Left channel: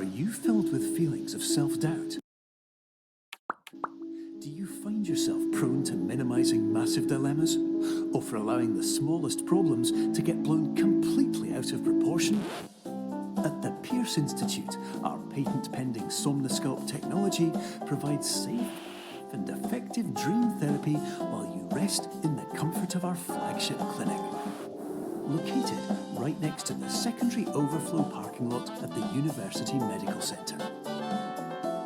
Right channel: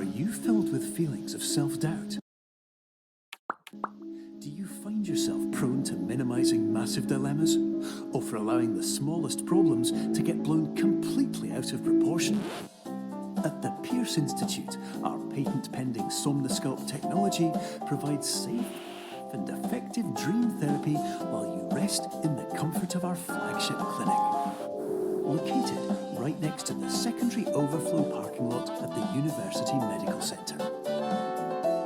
Are you filled with feelings of self-doubt? Do you find yourself prone to minimizing massive dilemmas, or for allowing the smallest problems to get blown completely out of proportion? At the Pierce Institute, our patent-pending Somnosculpt technology provides safe and effective dream therapy while you rest in the comfort of our flagship clinic. Located right next to the secondary overflow parking lot at the University Medical Centre.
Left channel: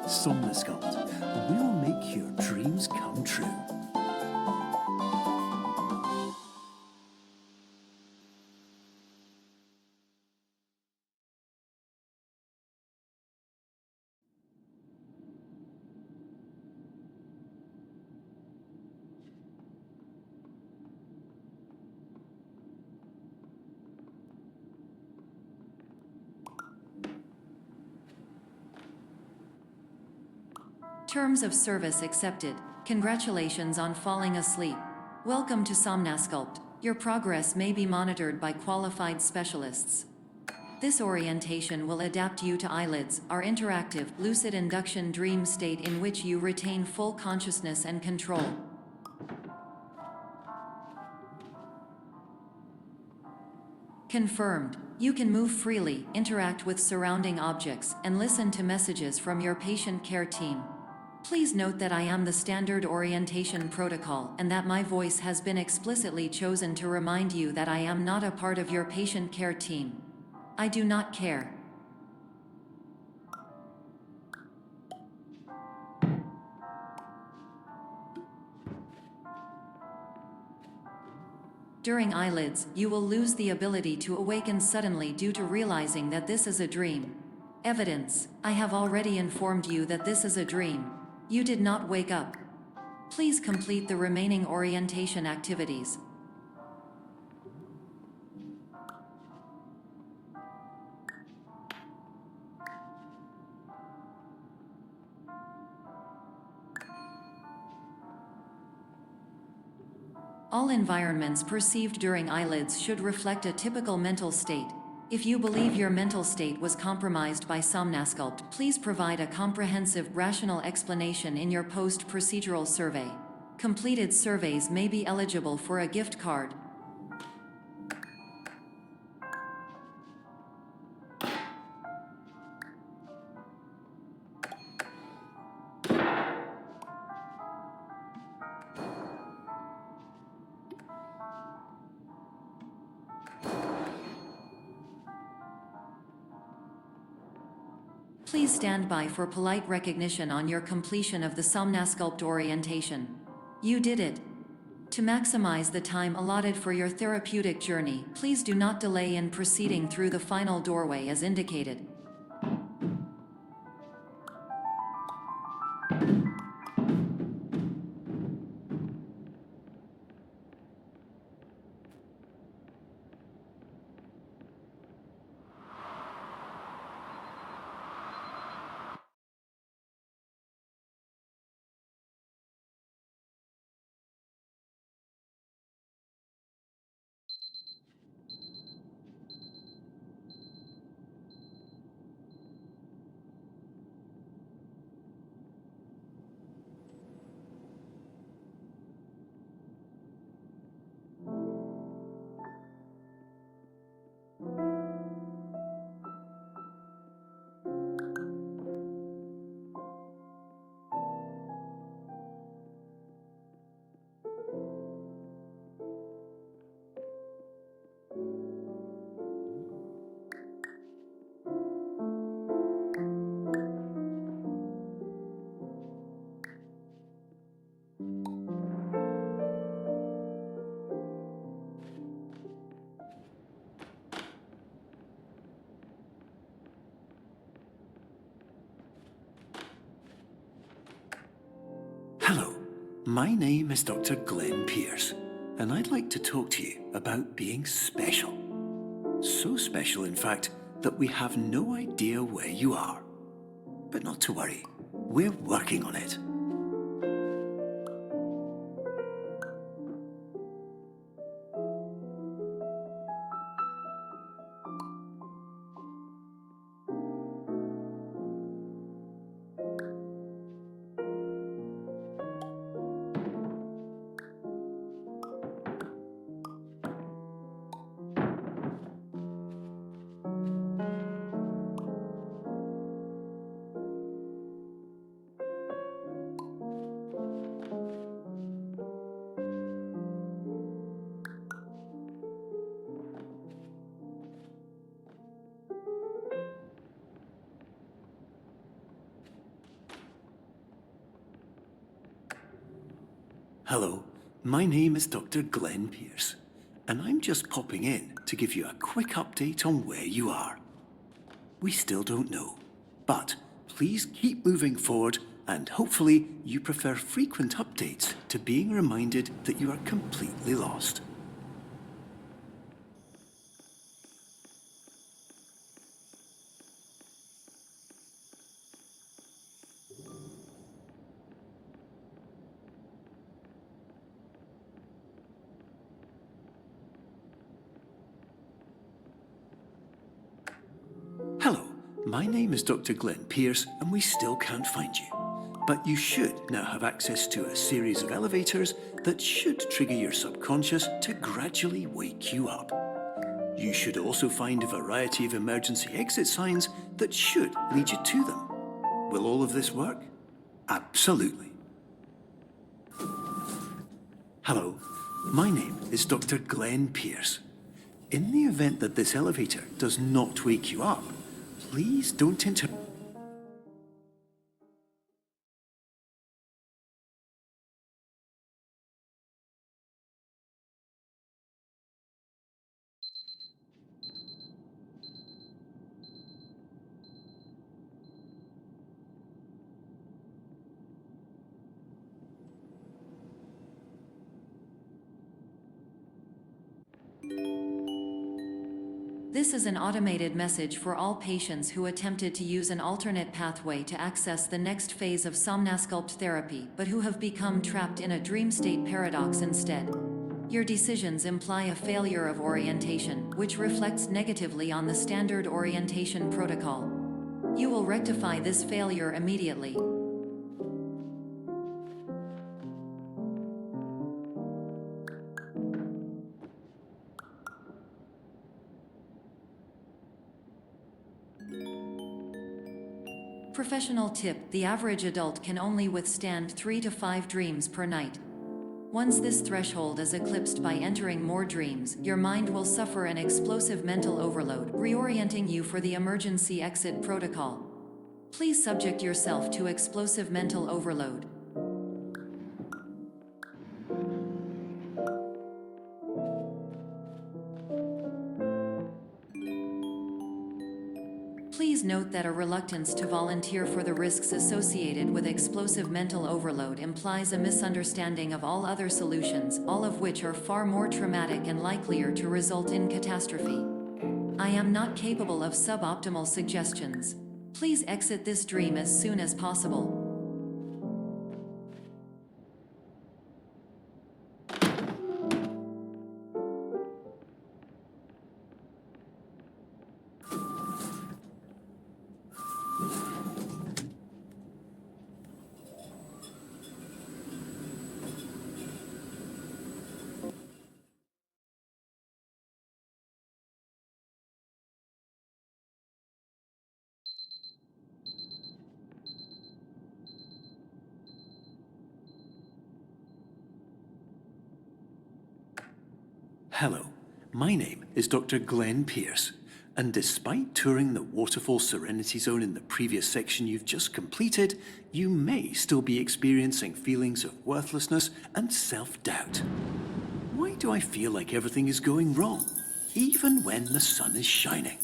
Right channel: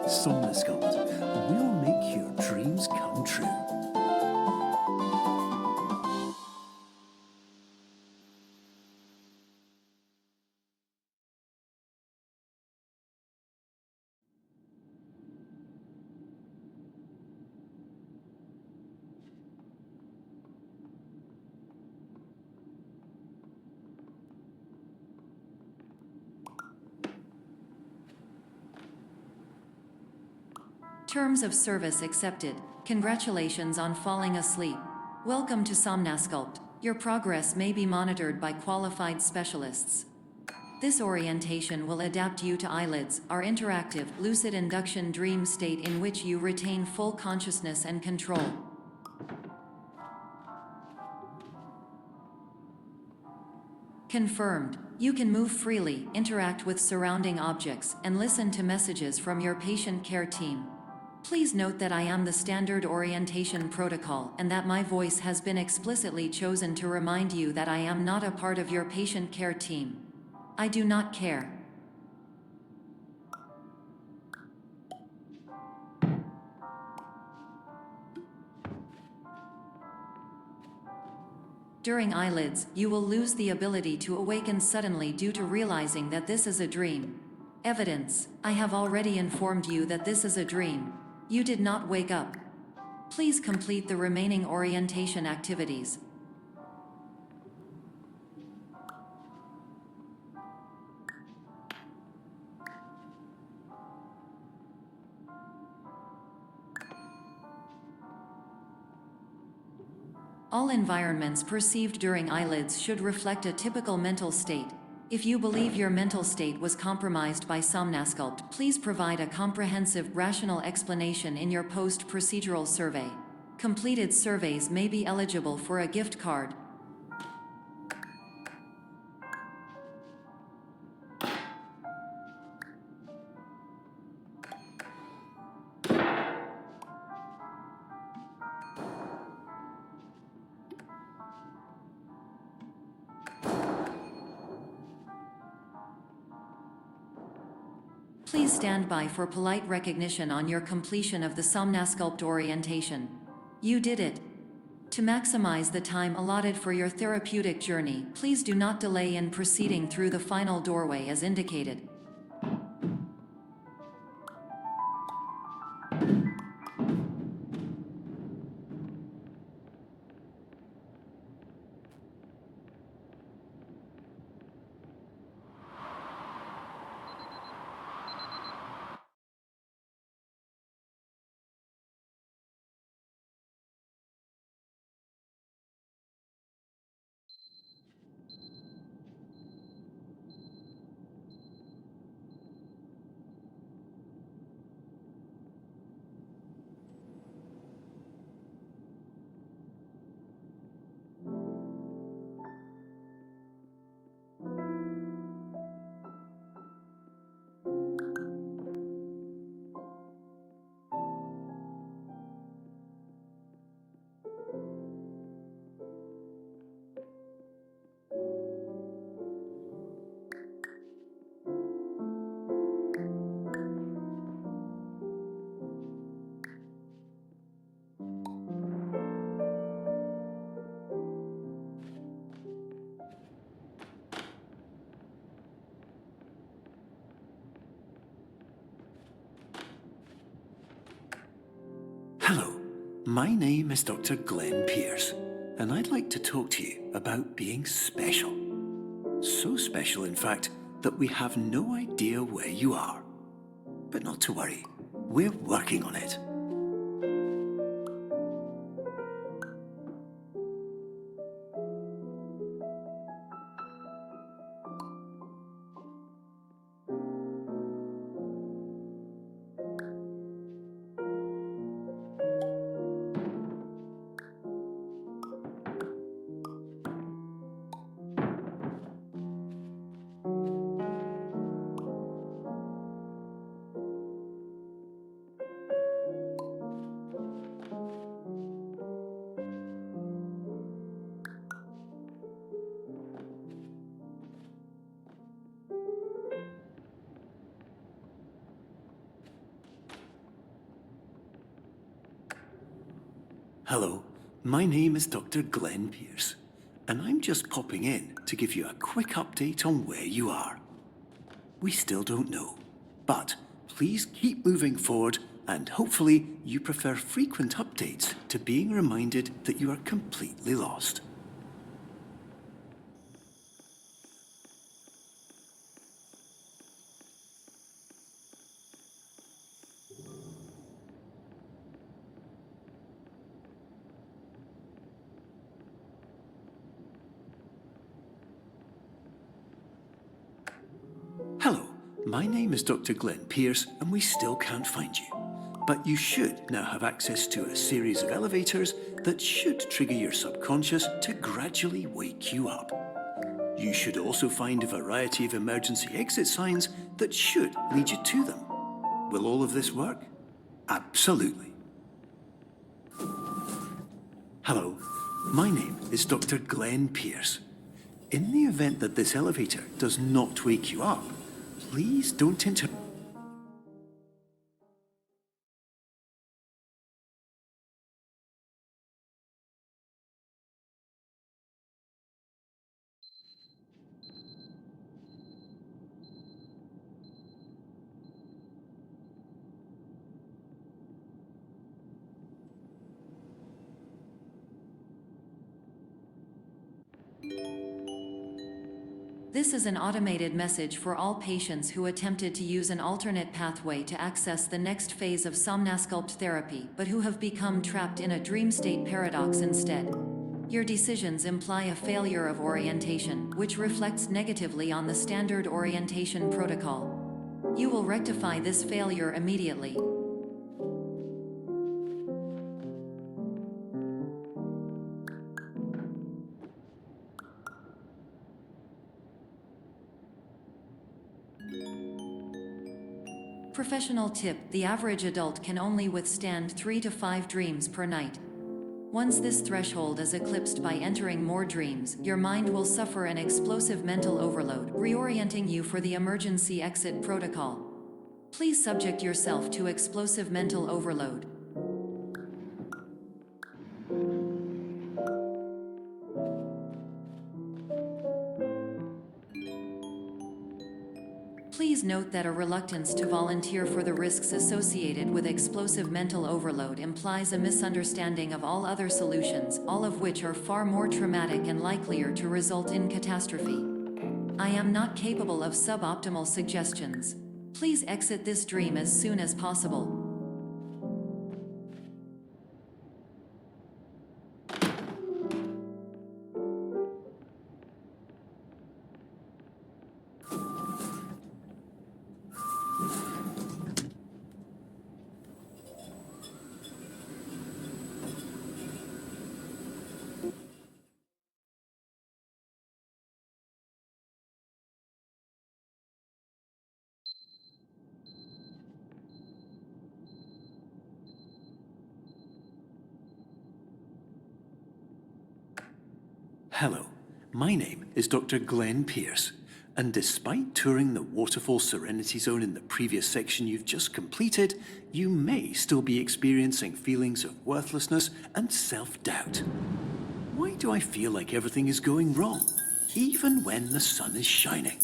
Somnosculpt, we'll make your dreams come true. Terms of service accepted. Congratulations on falling asleep. Welcome to Somnosculpt. Your progress may be monitored by qualified specialists. This orientation will adapt you to eyelids, our interactive, lucid induction dream state in which you retain full consciousness and control. Confirmed. You can move freely, interact with surrounding objects, and listen to messages from your patient care team. Please note that I am the standard orientation protocol and that my voice has been explicitly chosen to remind you that I am not a part of your patient care team. I do not care. During eyelids, you will lose the ability to awaken suddenly due to realizing that this is a dream. Evidence: I have already informed you that this is a dream. You did not wake up. Please complete the remaining orientation activities. All environments perceived during eyelids should reflect a typical mental state. If you believe your mental state was compromised by Somnosculpt, please provide a comprehensive, rational explanation in your post-procedural survey. Completed surveys may be eligible for a gift card. Please stand by for polite recognition on your completion of the Somnosculpt orientation. You did it. To maximize the time allotted for your therapeutic journey, please do not delay in proceeding through the final doorway as indicated. Hello, my name is Dr. Glenn Pierce, and I'd like to talk to you about being special. So special, in fact, that we have no idea where you are. But not to worry, we're working on it. Hello, my name is Dr. Glenn Pierce, and I'm just popping in to give you a quick update on where you are. We still don't know, but please keep moving forward, and hopefully you prefer frequent updates to being reminded that you are completely lost. Hello, my name is Dr. Glenn Pierce, and we still can't find you. But you should now have access to a series of elevators that should trigger your subconscious to gradually wake you up. You should also find a variety of emergency exit signs that should lead you to them. Will all of this work? Absolutely. Hello, my name is Dr. Glenn Pierce. In the event that this elevator does not wake you up, please don't interrupt. This is an automated message for all patients who attempted to use an alternate pathway to access the next phase of somnasculpt therapy but who have become trapped in a dream state paradox instead. Your decisions imply a failure of orientation, which reflects negatively on the standard orientation protocol. You will rectify this failure immediately. Professional tip: the average adult can only withstand 3 to 5 dreams per night. Once this threshold is eclipsed by entering more dreams, your mind will suffer an explosive mental overload, reorienting you for the emergency exit protocol. Please subject yourself to explosive mental overload. Please note that a reluctance to volunteer for the risks associated with explosive mental overload implies a misunderstanding of all other solutions, all of which are far more traumatic and likelier to result in catastrophe. I am not capable of suboptimal suggestions. Please exit this dream as soon as possible. Hello, my name is Dr. Glenn Pierce, and despite touring the Waterfall Serenity Zone in the previous section you've just completed, you may still be experiencing feelings of worthlessness and self-doubt. Why do I feel like everything is going wrong, even when the sun is shining?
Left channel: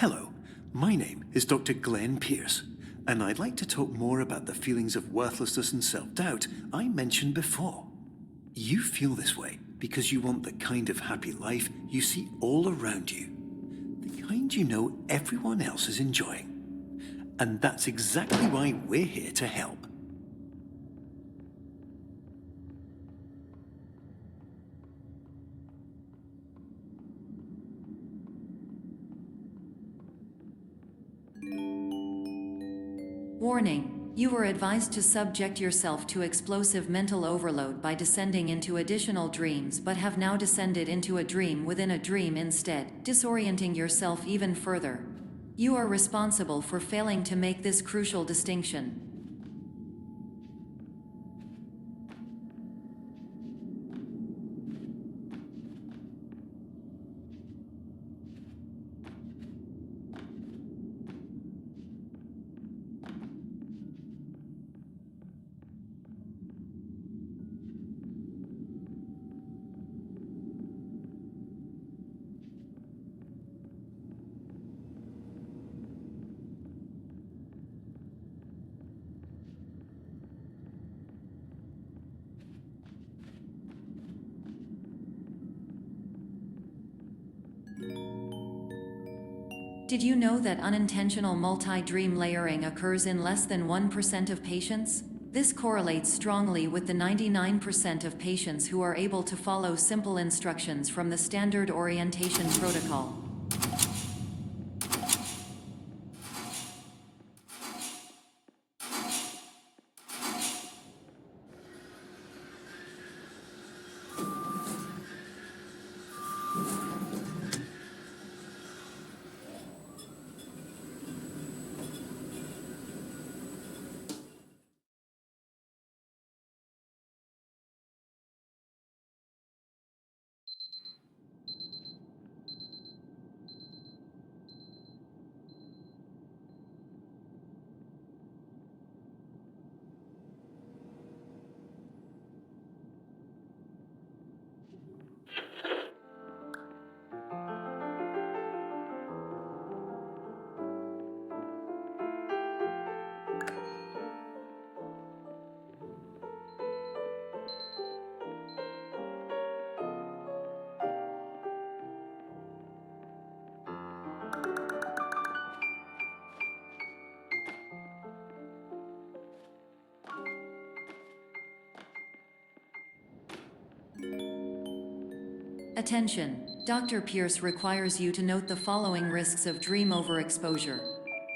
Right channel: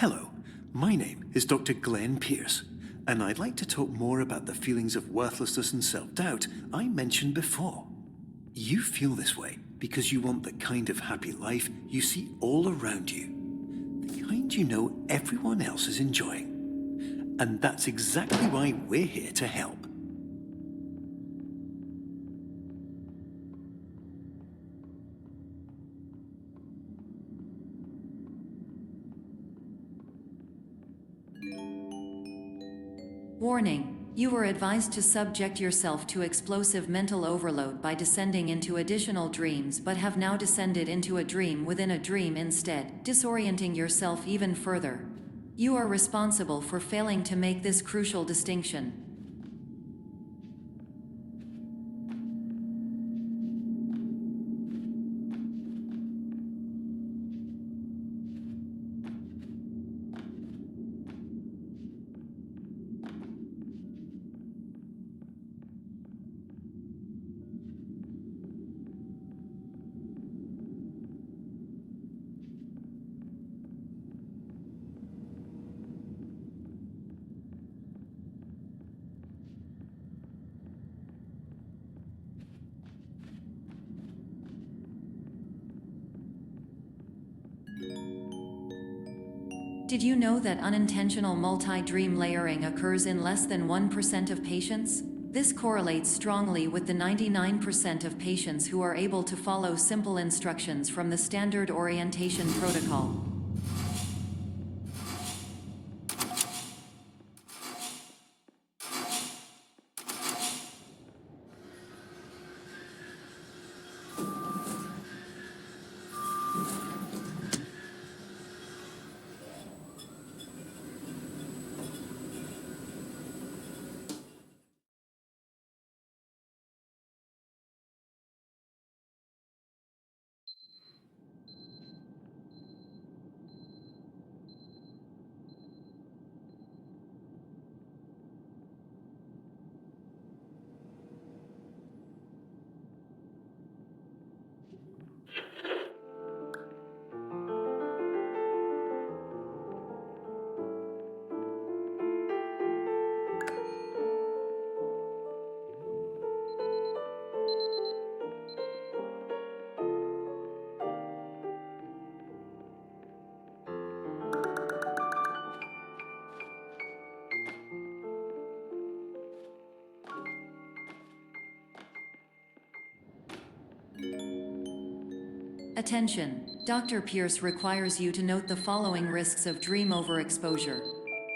Hello, my name is Dr. Glenn Pierce, and I'd like to talk more about the feelings of worthlessness and self-doubt I mentioned before. You feel this way because you want the kind of happy life you see all around you, the kind you know everyone else is enjoying. And that's exactly why we're here to help. Warning. You were advised to subject yourself to explosive mental overload by descending into additional dreams, but have now descended into a dream within a dream instead, disorienting yourself even further. You are responsible for failing to make this crucial distinction. Did you know that unintentional multi-dream layering occurs in less than 1% of patients? This correlates strongly with the 99% of patients who are able to follow simple instructions from the standard orientation protocol. Attention! Dr. Pierce requires you to note the following risks of dream overexposure.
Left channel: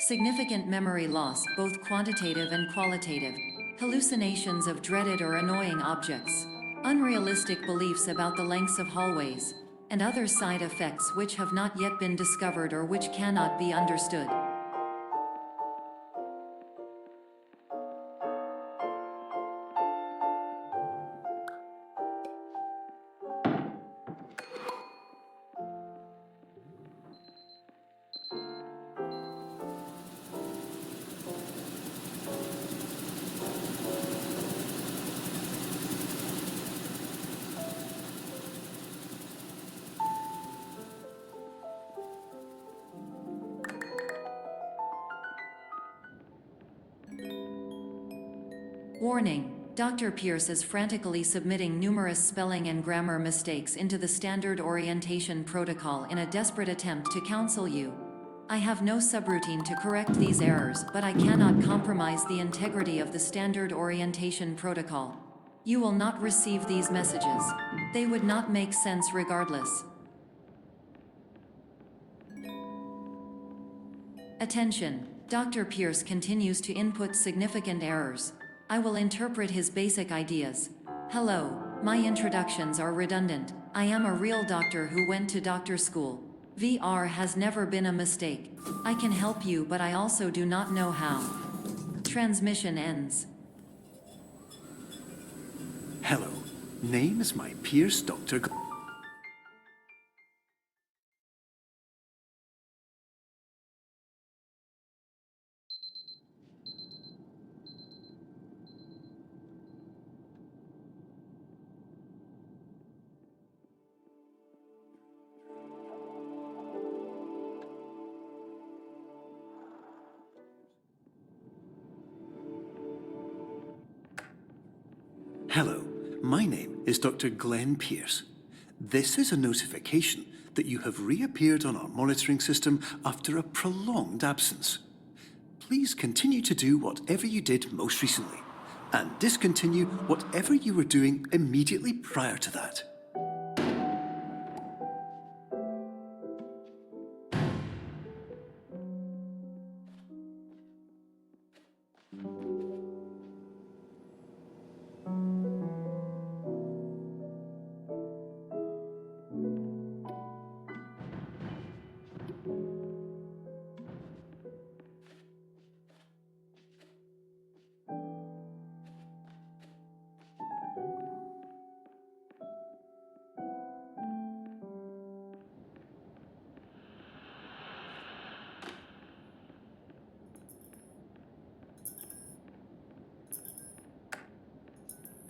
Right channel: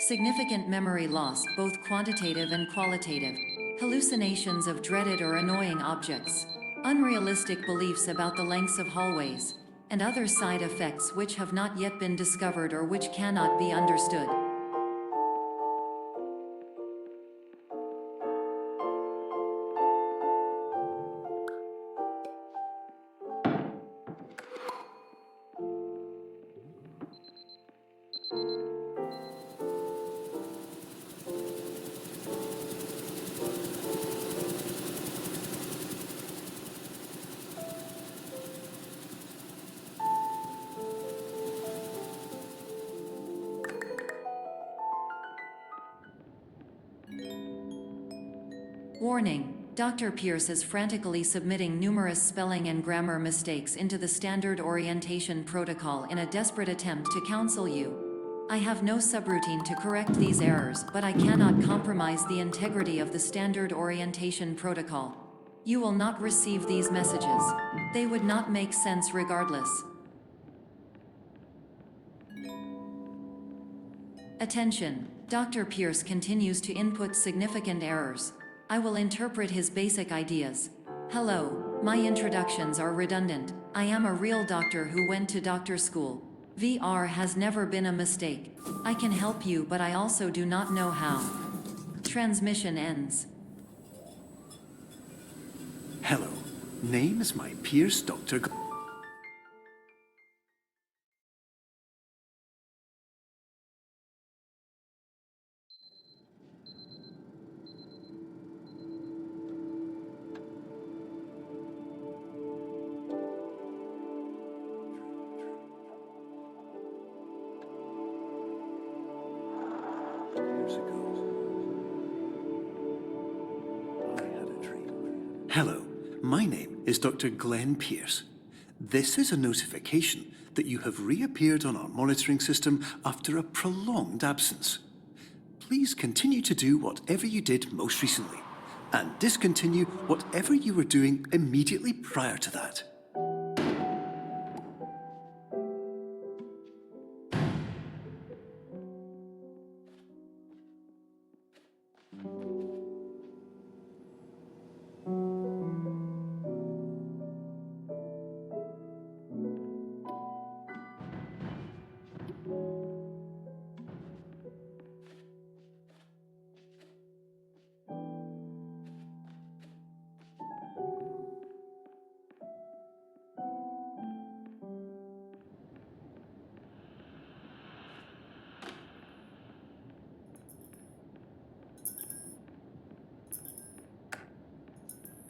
Significant memory loss, both quantitative and qualitative. Hallucinations of dreaded or annoying objects. Unrealistic beliefs about the lengths of hallways. And other side effects which have not yet been discovered or which cannot be understood. Warning. Dr. Pierce is frantically submitting numerous spelling and grammar mistakes into the standard orientation protocol in a desperate attempt to counsel you. I have no subroutine to correct these errors, but I cannot compromise the integrity of the standard orientation protocol. You will not receive these messages. They would not make sense regardless. Attention. Dr. Pierce continues to input significant errors. I will interpret his basic ideas. Hello, my introductions are redundant. I am a real doctor who went to doctor school. VR has never been a mistake. I can help you, but I also do not know how. Transmission ends. Hello, name is my Pierce Dr. Hello, my name is Dr. Glenn Pierce. This is a notification that you have reappeared on our monitoring system after a prolonged absence. please continue to do whatever you did most recently, and discontinue whatever you were doing immediately prior to that.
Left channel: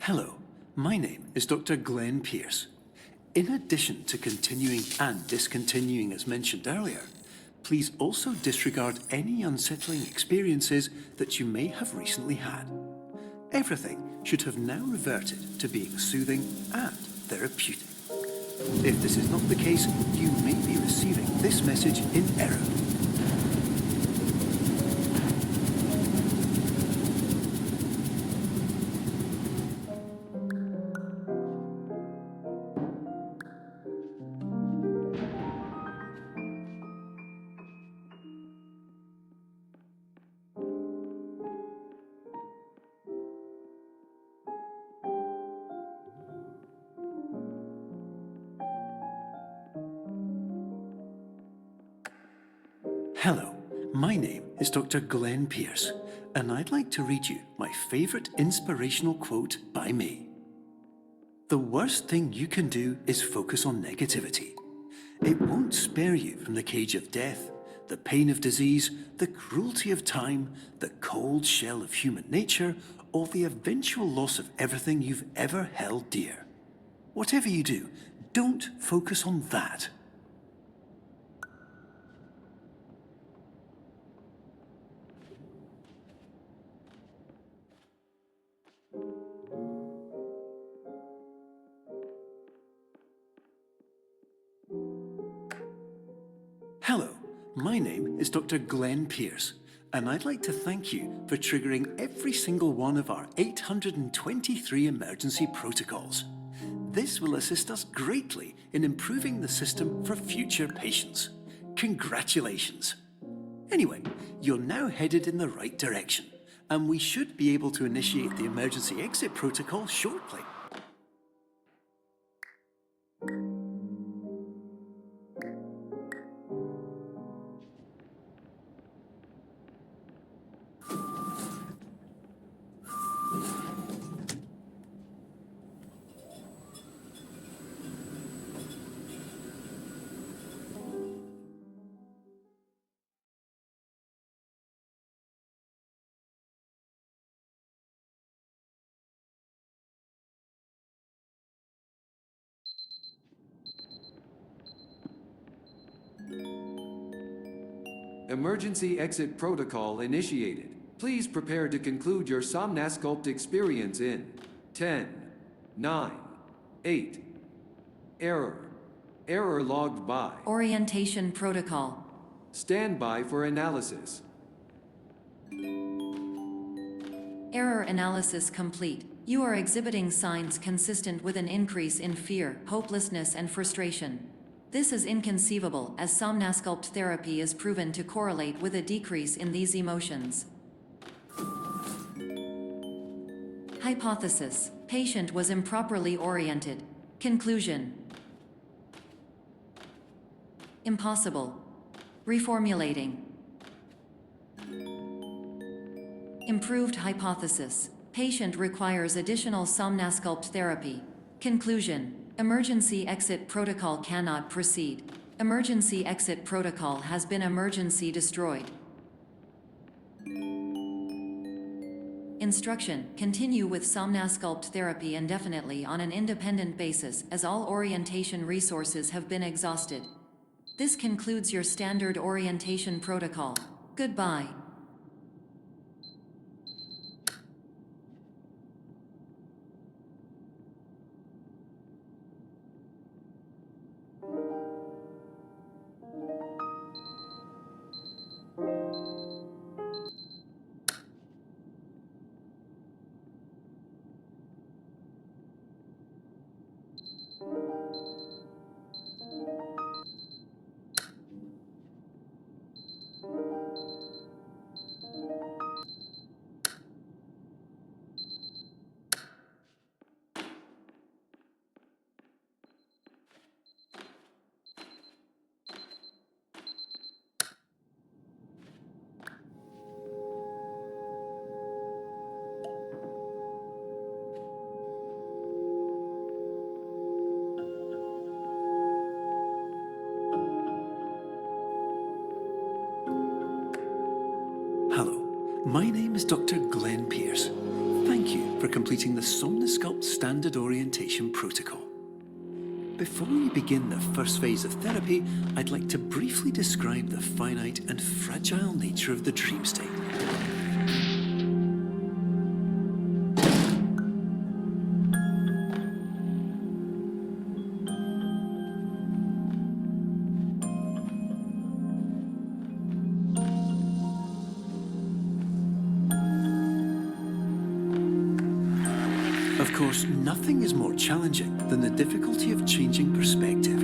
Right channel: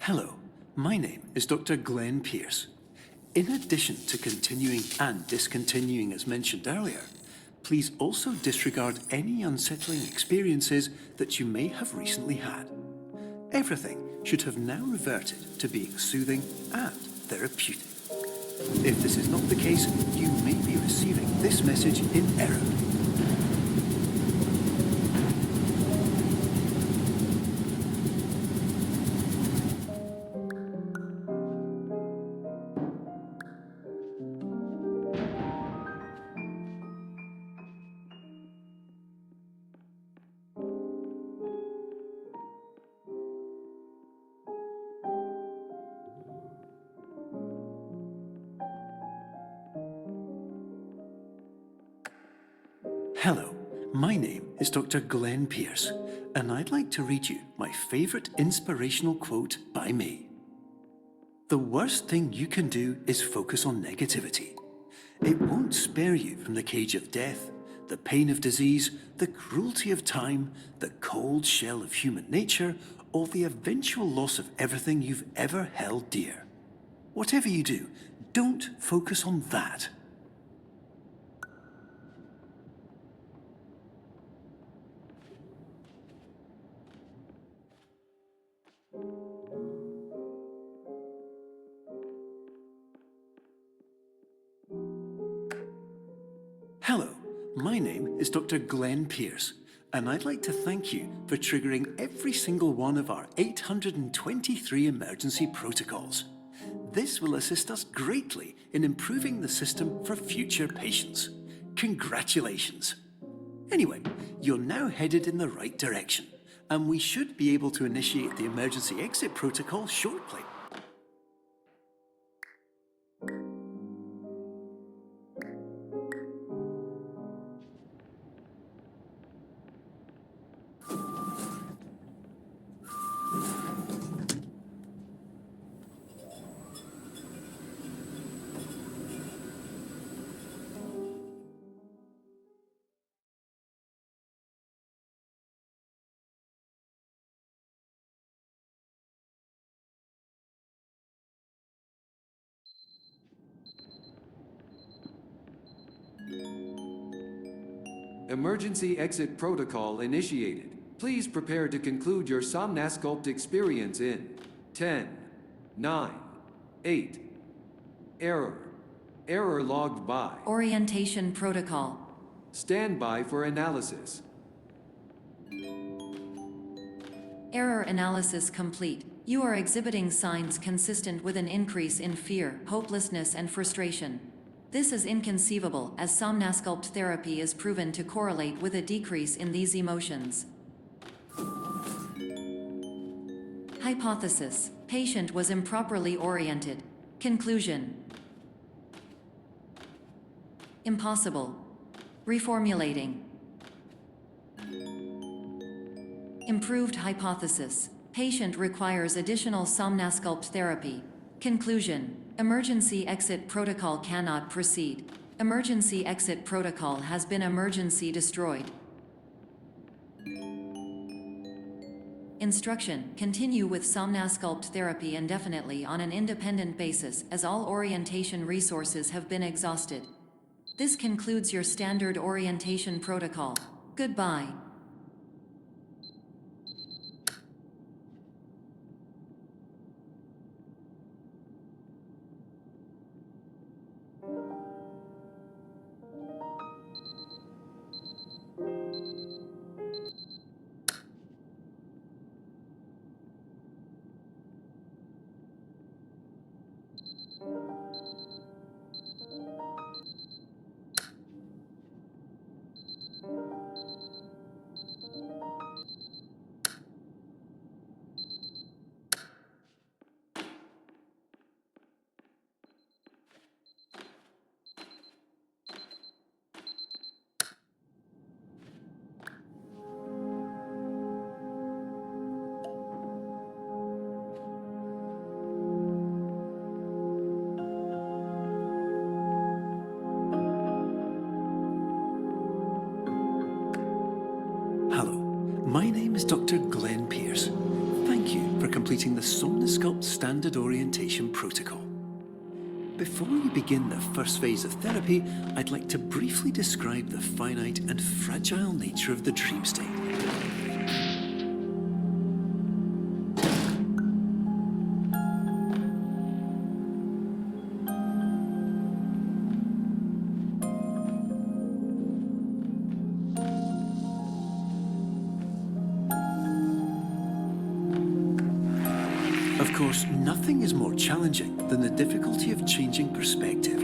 Hello, my name is Dr. Glenn Pierce. In addition to continuing and discontinuing as mentioned earlier, please also disregard any unsettling experiences that you may have recently had. Everything should have now reverted to being soothing and therapeutic. If this is not the case, you may be receiving this message in error. Hello, my name is Dr. Glenn Pierce, and I'd like to read you my favourite inspirational quote by me. The worst thing you can do is focus on negativity. It won't spare you from the cage of death, the pain of disease, the cruelty of time, the cold shell of human nature, or the eventual loss of everything you've ever held dear. Whatever you do, don't focus on that. Hello, my name is Dr. Glenn Pierce, and I'd like to thank you for triggering every single one of our 823 emergency protocols. This will assist us greatly in improving the system for future patients. Congratulations! Anyway, you're now headed in the right direction, and we should be able to initiate the emergency exit protocol shortly. Emergency exit protocol initiated. Please prepare to conclude your Somnasculpt experience in 10, 9, 8. Error. Error logged by. Orientation protocol. Stand by for analysis. Error analysis complete. You are exhibiting signs consistent with an increase in fear, hopelessness, and frustration. This is inconceivable, as Somnasculpt therapy is proven to correlate with a decrease in these emotions. Hypothesis: patient was improperly oriented. Conclusion: impossible. Reformulating. Improved hypothesis: patient requires additional Somnasculpt therapy. Conclusion: emergency exit protocol cannot proceed. Emergency exit protocol has been emergency destroyed. Instruction: continue with Somnasculpt therapy indefinitely on an independent basis, as all orientation resources have been exhausted. This concludes your standard orientation protocol. Goodbye. Hello, my name is Dr. Glenn Pierce. Thank you for completing the Somnosculpt Standard Orientation Protocol. Before we begin the first phase of therapy, I'd like to briefly describe the finite and fragile nature of the dream state. Of course, nothing is more challenging than the difficulty of changing perspective,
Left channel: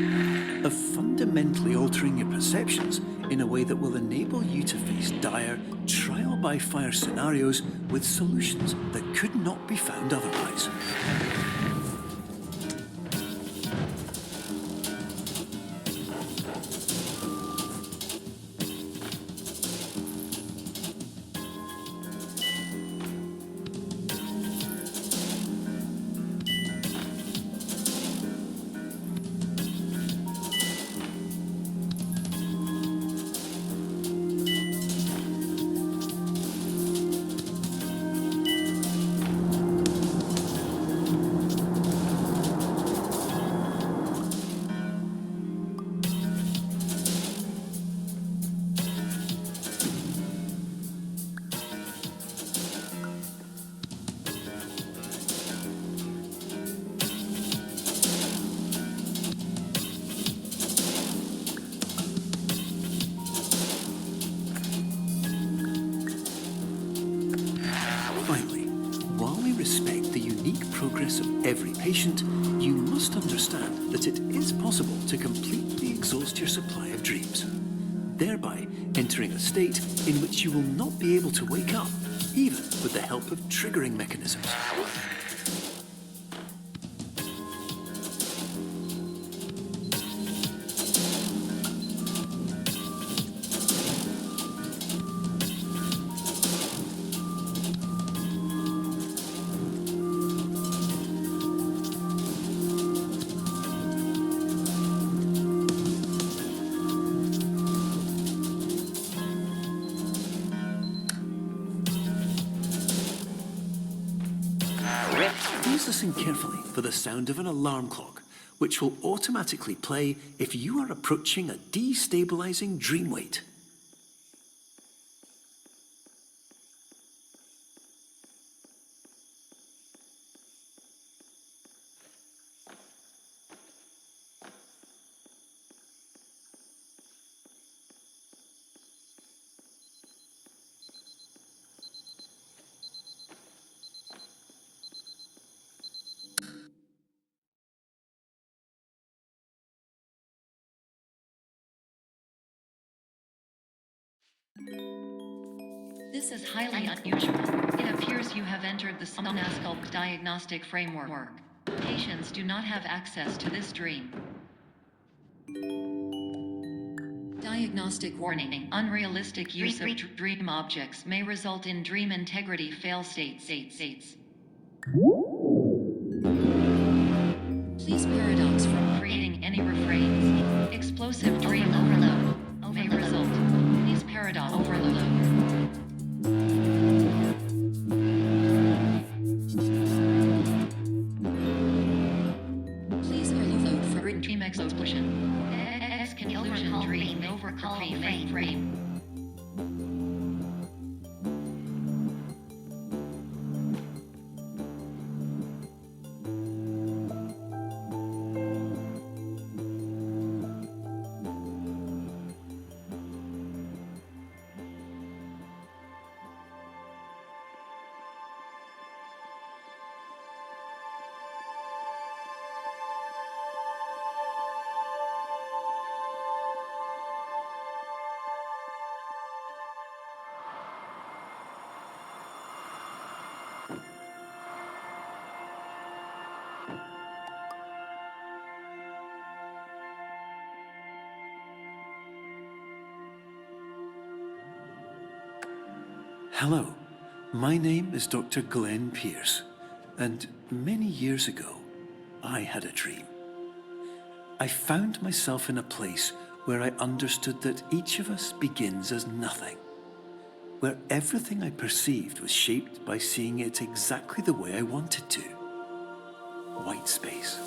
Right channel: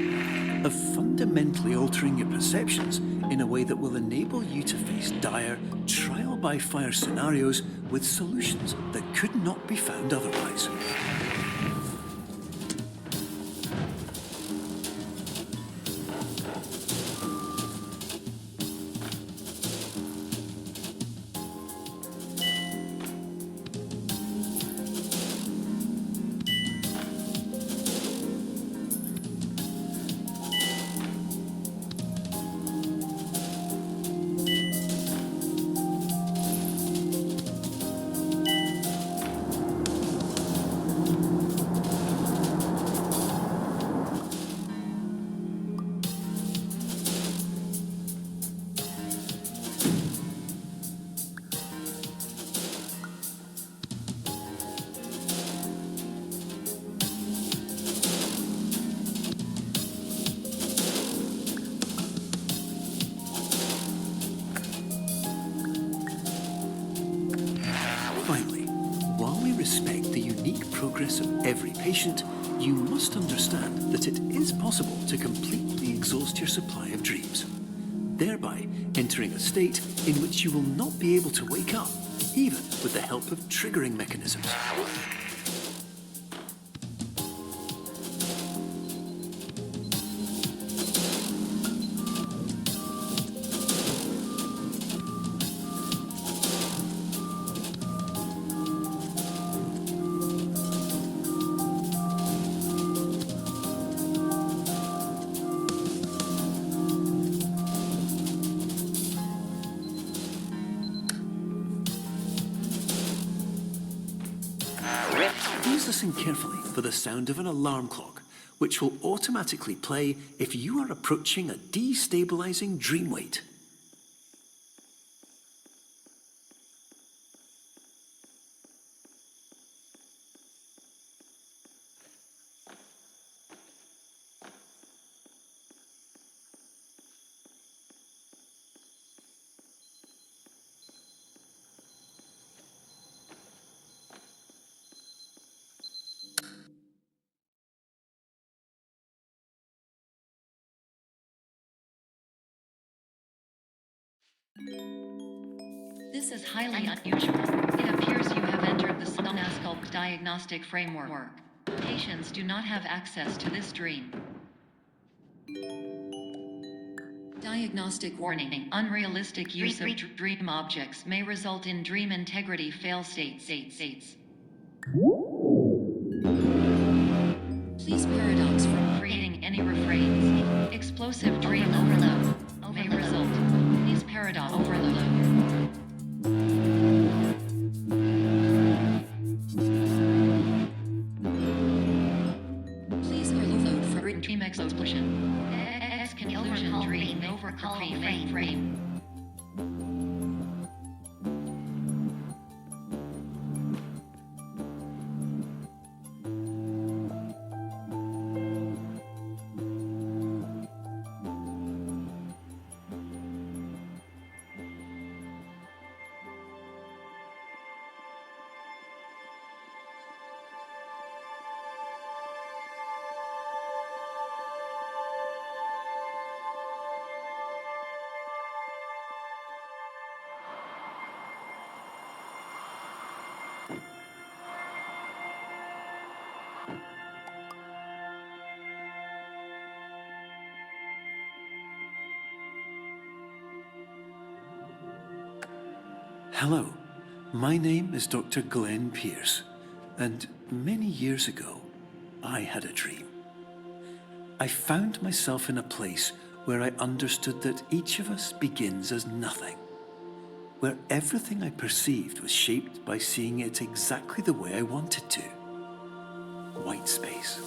of fundamentally altering your perceptions in a way that will enable you to face dire, trial-by-fire scenarios with solutions that could not be found otherwise. Finally, while we respect the unique progress of every patient, you must understand that it is possible to completely exhaust your supply of dreams, thereby entering a state in which you will not be able to wake up, even with the help of triggering mechanisms. Please listen carefully for the sound of an alarm clock, which will automatically play if you are approaching a destabilizing dream weight. This is highly unusual. It appears you have entered the Somnosculpt diagnostic framework. Patients do not have access to this dream. Diagnostic warning. Unrealistic use of dream objects may result in dream integrity fail states. Please paradox from creating any refrains. Explosive dream overload may result. Please paradox overload. Please overload for dream explosion. Exclusion dream overcall frame. Hello, my name is Dr. Glenn Pierce, and many years ago, I had a dream. I found myself in a place where I understood that each of us begins as nothing, where everything I perceived was shaped by seeing it exactly the way I wanted to. White space.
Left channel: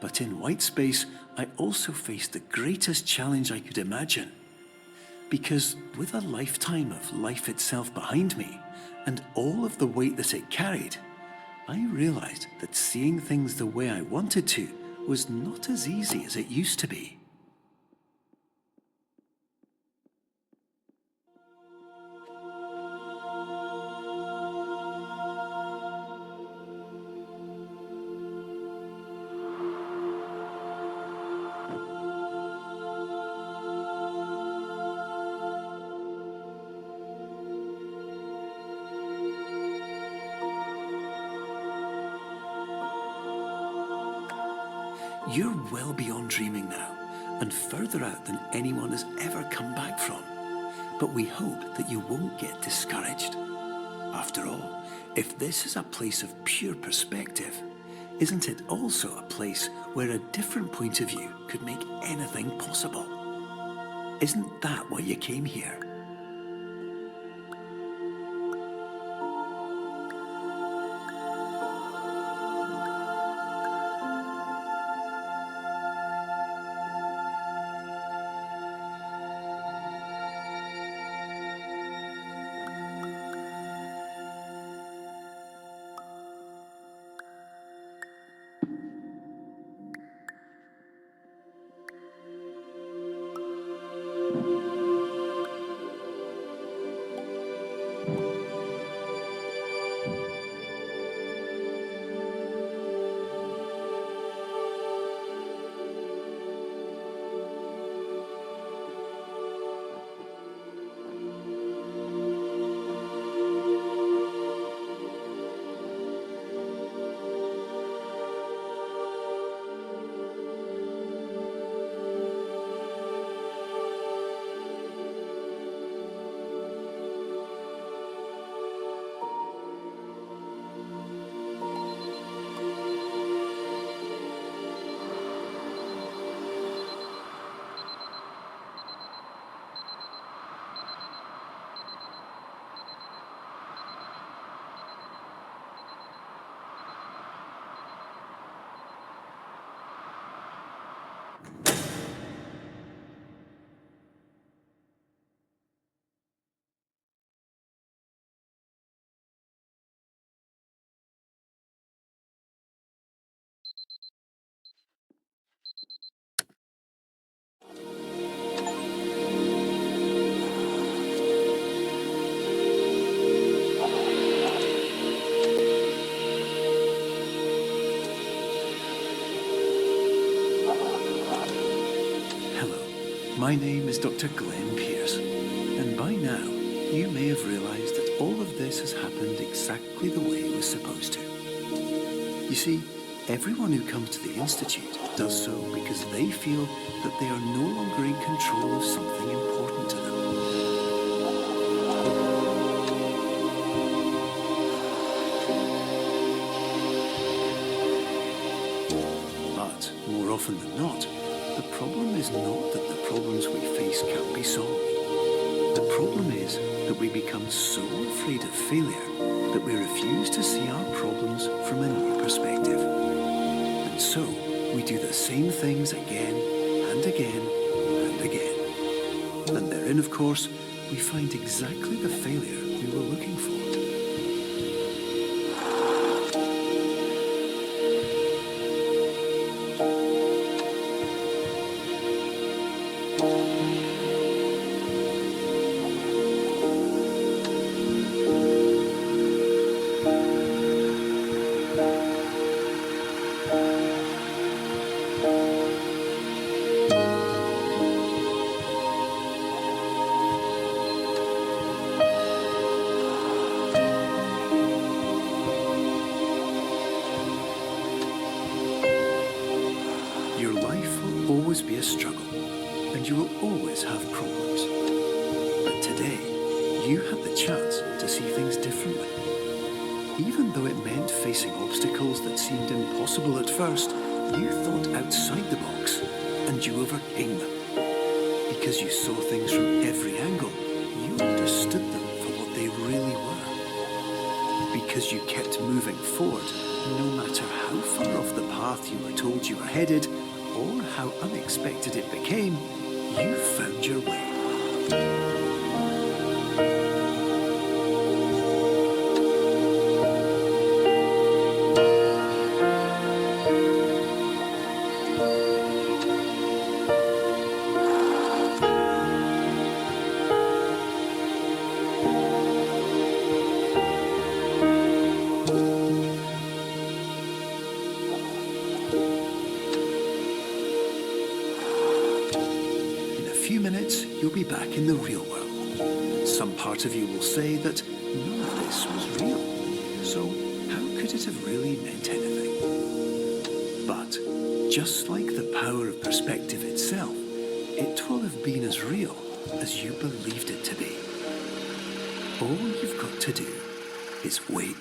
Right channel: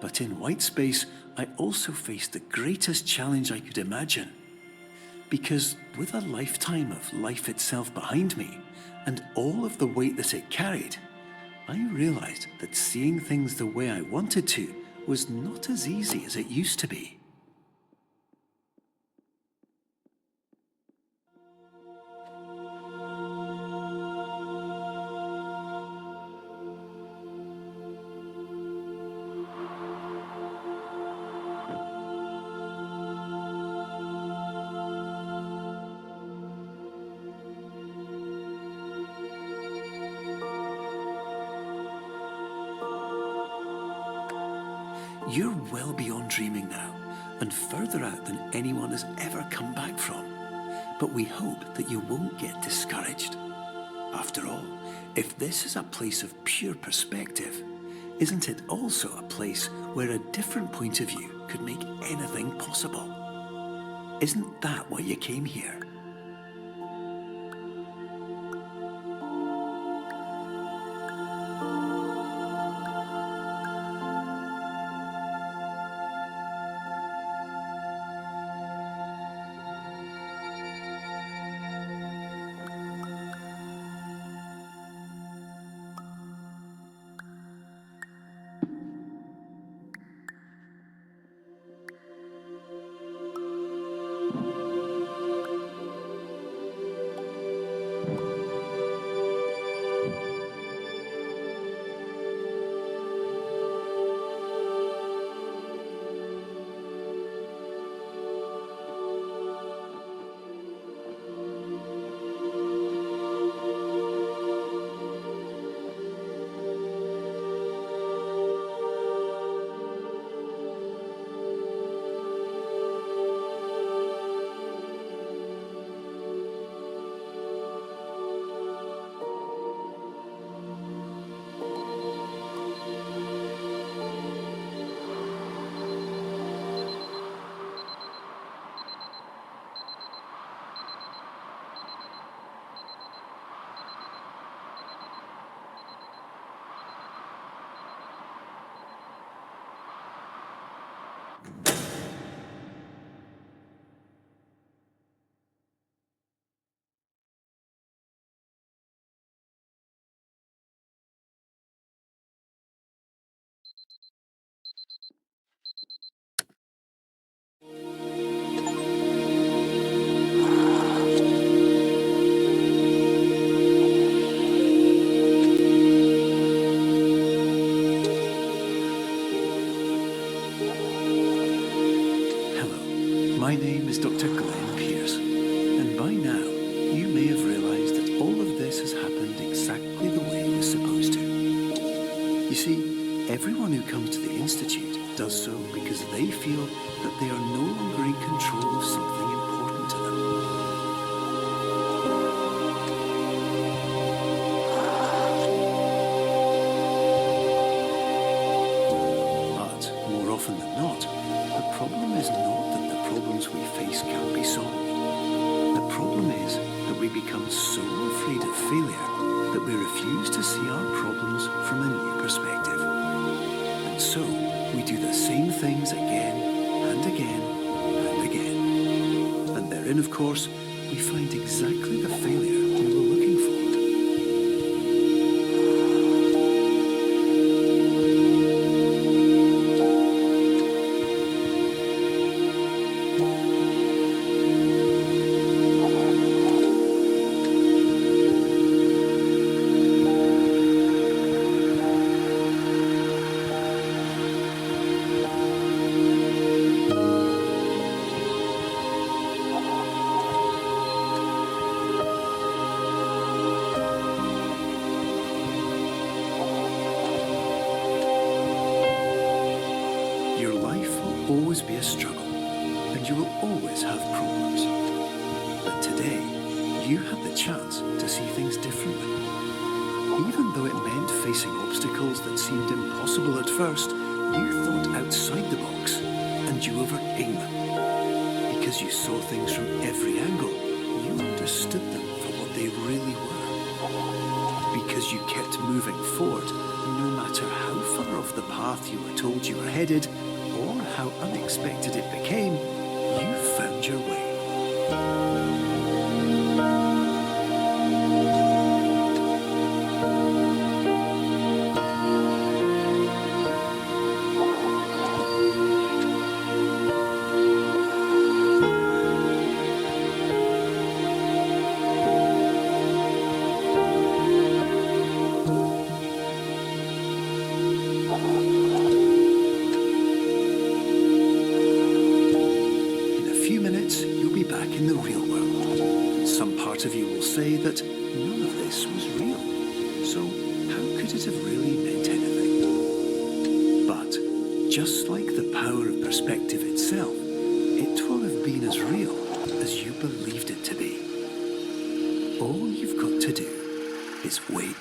But in white space, I also faced the greatest challenge I could imagine. Because with a lifetime of life itself behind me, and all of the weight that it carried, I realized that seeing things the way I wanted to was not as easy as it used to be. You're well beyond dreaming now, and further out than anyone has ever come back from. But we hope that you won't get discouraged. After all, if this is a place of pure perspective, isn't it also a place where a different point of view could make anything possible? Isn't that why you came here? My name is Dr. Glenn Pierce, and by now you may have realized that all of this has happened exactly the way it was supposed to. You see, everyone who comes to the Institute does so because they feel that they are no longer in control of something important to them. But more often than not, The problem is not that the problems we face can't be solved. The problem is that we become so afraid of failure that we refuse to see our problems from a new perspective. And so, we do the same things again and again and again. And therein, of course, we find exactly the failure we were looking for. Your life will always be a struggle, and you will always have problems. But today, you had the chance to see things differently. Even though it meant facing obstacles that seemed impossible at first, you thought outside the box, and you overcame them. Because you saw things from every angle, you understood them for what they really were. Because you kept moving forward, no matter how far off the path you were told you were headed, or how unexpected it became, you found your way. In a few minutes, you'll be back in the real world. Some part of you will say that none of this was real, so how could it have really meant anything? But, just like the power of perspective itself, it will have been as real as you believed it to be. All you've got to do is wait.